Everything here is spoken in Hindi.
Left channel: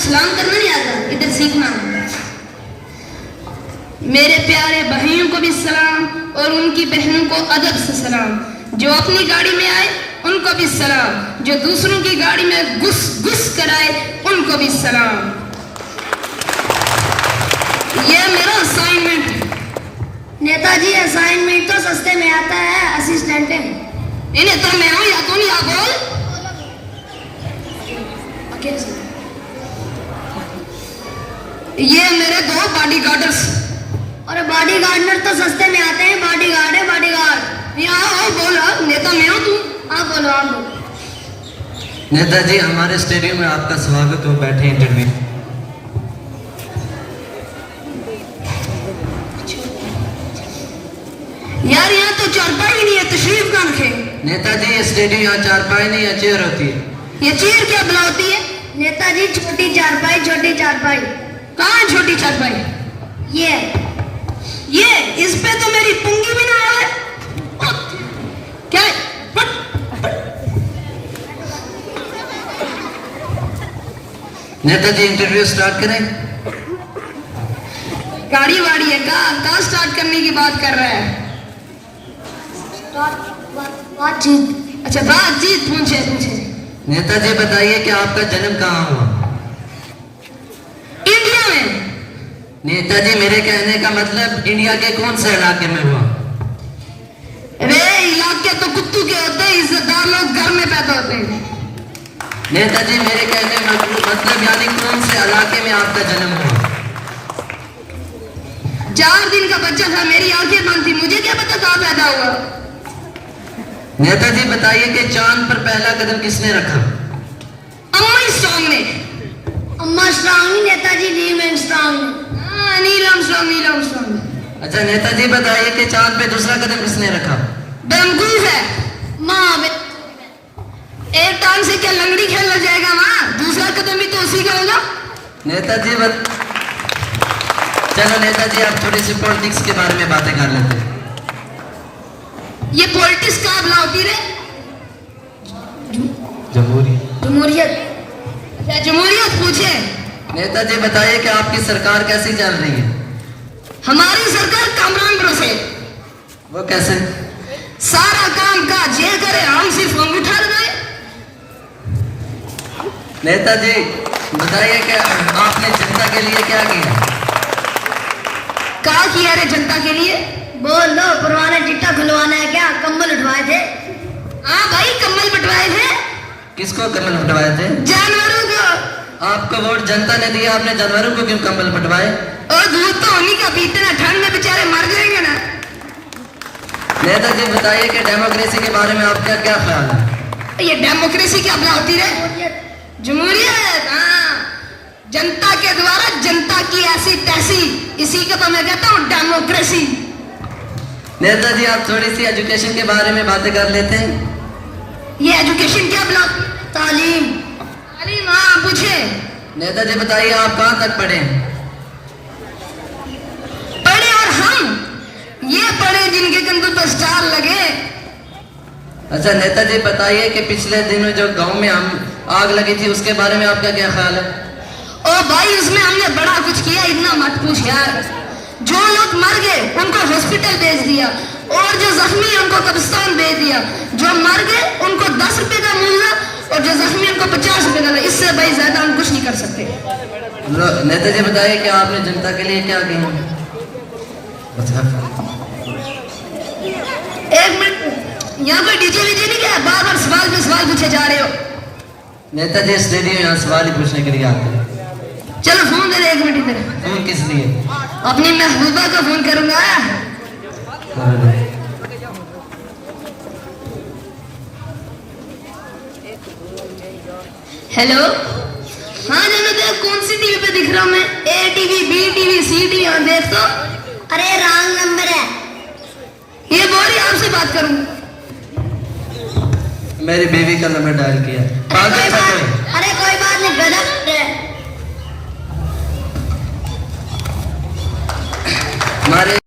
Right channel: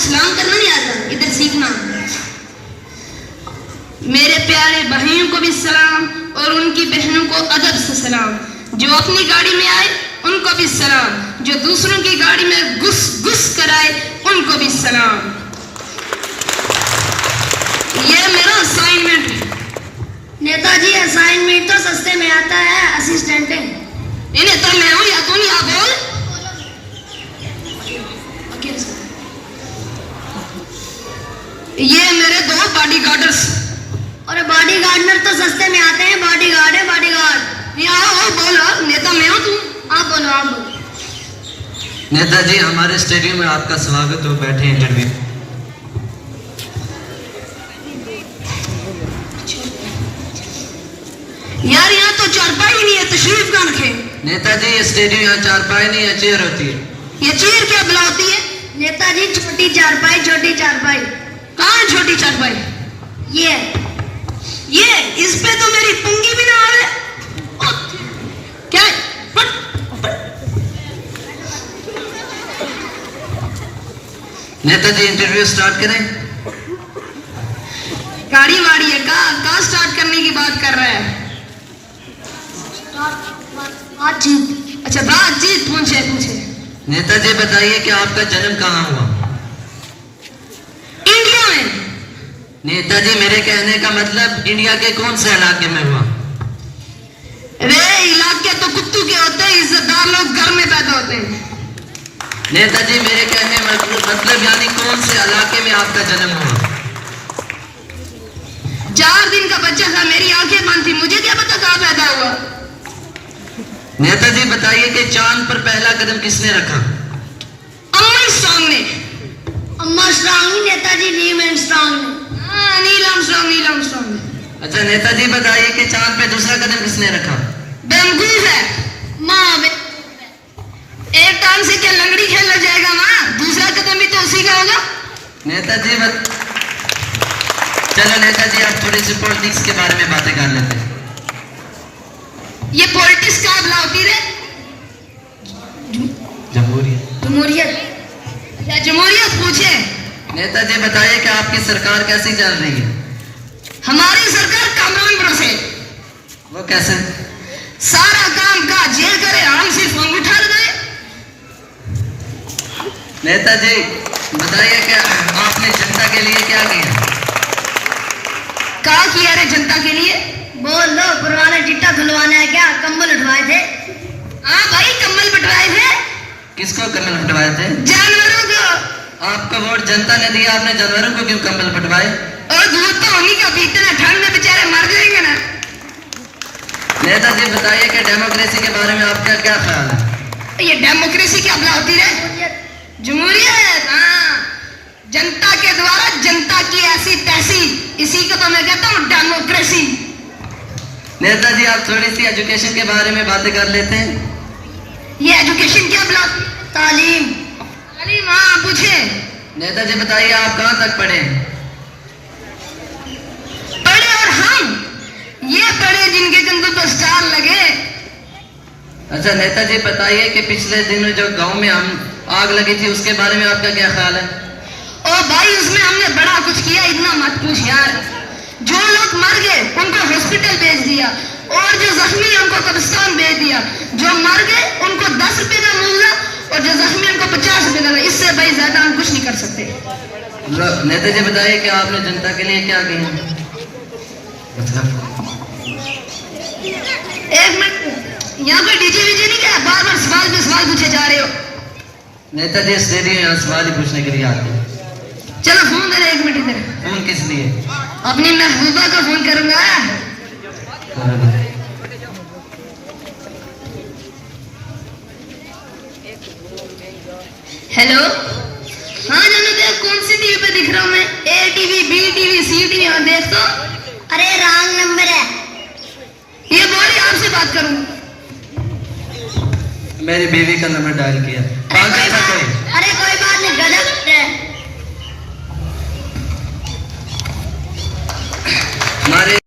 सलाम करना नहीं आता, इधर सीखना। मेरे प्यारे भाइयों को भी सलाम और उनकी बहनों को अदब से सलाम। जो अपनी गाड़ी में आए उनको भी सलाम, जो दूसरों की गाड़ी में घुस घुस कर आए उनको भी सलाम। ये मेरा असाइनमेंट है। नेताजी असाइनमेंट तो सस्ते में आता है, असिस्टेंट है। इन्हें तो मैं हूं या तू नहीं, आप बोल। ये मेरे 2 बॉडीगार्डर्स। और बॉडीगार्डर तो सस्ते में आते हैं, बॉडीगार्ड है बॉडीगार्ड। यहाँ बोलो, नेता मैं हूं, तू आप बोलो आप बोलो। नेताजी हमारे स्टेडियम में आपका स्वागत हो, बैठे इंटरव्यू। यार यहाँ तो चारपाई नहीं है, तशरीफ कहाँ रखे। नेताजी ये स्टेडियम यहाँ चारपाई नहीं है, चेयर होती है। ये चेयर क्या बुलाती है? नेताजी छोटी चारपाई, छोटी चारपाई। कहाँ है छोटी चारपाई? ये इस पे तो मेरी पुंगी भी ना आवे। क्या है? नेताजी इंटरव्यू स्टार्ट करें। गाड़ी वाड़ी है, कहाँ स्टार्ट करने की बात कर रहा है? बातचीत। अच्छा बातचीत, पूछे। नेताजी बताइए कि आपका जन्म कहाँ हुआ? इंडिया में। नेताजी मेरे कहने का मतलब इंडिया के कौन से इलाके में हुआ? वे इलाके तो कुत्तू के होते हैं, इज्जतदार लोग घर में पैदा होते हैं। नेताजी मेरे कहने मतलब यानी कौन से इलाके में आपका जन्म हुआ? 4 दिन का बच्चा था, मेरी आंखें बंद थी, मुझे क्या पता कहाँ पैदा हुआ। नेताजी बताइए कि चांद पर पहला कदम किसने रखा? अम्मा स्ट्रॉन्ग ने। अम्मा स्ट्रॉन्ग ही, नेताजी नील आर्मस्ट्रॉन्ग ने। Neil Armstrong. अच्छा नेताजी बताइए कि चांद पे दूसरा कदम किसने रखा? बेवकूफ है। माँ एक टाइम से क्या लंगड़ी खेलना जाएगा वहां? दूसरा कदम भी तो उसी का होगा। नेताजी चलो नेताजी आप थोड़ी सी पॉलिटिक्स के बारे में बातें कर लेते हैं। ये पॉलिटिक्स क्या बुलाती रे? जमहूरियत। क्या जमहूरियत पूछे? नेताजी बताइए कि आपकी सरकार कैसी चल रही है? हमारी सरकार कामरान बरसे। वो कैसे? सारा काम काज ये करे, हम सिर्फ अंगूठा लगाए। नेताजी बताइए कि आपने जनता के लिए क्या किया? क्या किया रे जनता के लिए? बोल दो, पुराना चिट्टा खुलवाना है क्या? कंबल उठवाए थे? हाँ भाई, कंबल बंटवाए थे। किसको कंबल बंटवाए थे? जानवरों को। आपको वोट जनता ने दिया, आपने जानवरों को क्यों कंबल बंटवाए? और दूध तो उन्हीं का पीते ना, ठंड में बेचारे मर जाएंगे ना। नेताजी बताइए कि डेमोक्रेसी के बारे में आपका क्या ख्याल है? ये डेमोक्रेसी क्या बुलाती रे? जमहूरियत। हाँ, जनता के द्वारा जनता की ऐसी तैसी, इसी को तो मैं कहता हूँ डेमोक्रेसी। नेताजी आप थोड़ी सी एजुकेशन के बारे में बातें कर लेते हैं। ये एजुकेशन क्या बुलाती? तालीम। हाँ पूछे। नेताजी बताइए आप कहाँ तक पढ़े? पढ़े और हम ये पढ़े जिनके कंधों पर स्टार लगे। अच्छा नेताजी बताइए कि पिछले दिनों जो गांव में हम आग लगी थी उसके बारे में आपका क्या ख्याल है? ओ भाई उसमें हमने बड़ा कुछ किया, इतना मत पूछ यार। जो लोग मर गए उनको हॉस्पिटल भेज दिया, और जो जख्मी उनको कब्रिस्तान भेज दिया। जो मर गए उनको 10 रुपए का मूल्य, और जो जख्मी उनको 50 रुपए का। इससे भाई ज्यादा हम कुछ नहीं कर सकते। नेताजी बताइए कि आपने जनता के लिए क्या किया? एक मिनट, यहाँ पे डीजे वीजे नहीं क्या? बार बार सवाल पे सवाल पूछे जा रहे हो। नेताजी स्टेडियम यहाँ सवाल ही पूछने के लिए आते हैं। चलो फोन दे दे, 1 मिनट इधर। फोन किस लिए? अपनी महबूबा को फोन करूंगा। हेलो। हाँ जानो, देख कौन सी टीवी पे दिख रहा हूँ मैं? ए टीवी, बी टीवी, सी टीवी। और देख तो। अरे रॉन्ग नंबर है। ये बोली आपसे बात करूँ। मेरी बीवी का नंबर डायल किया।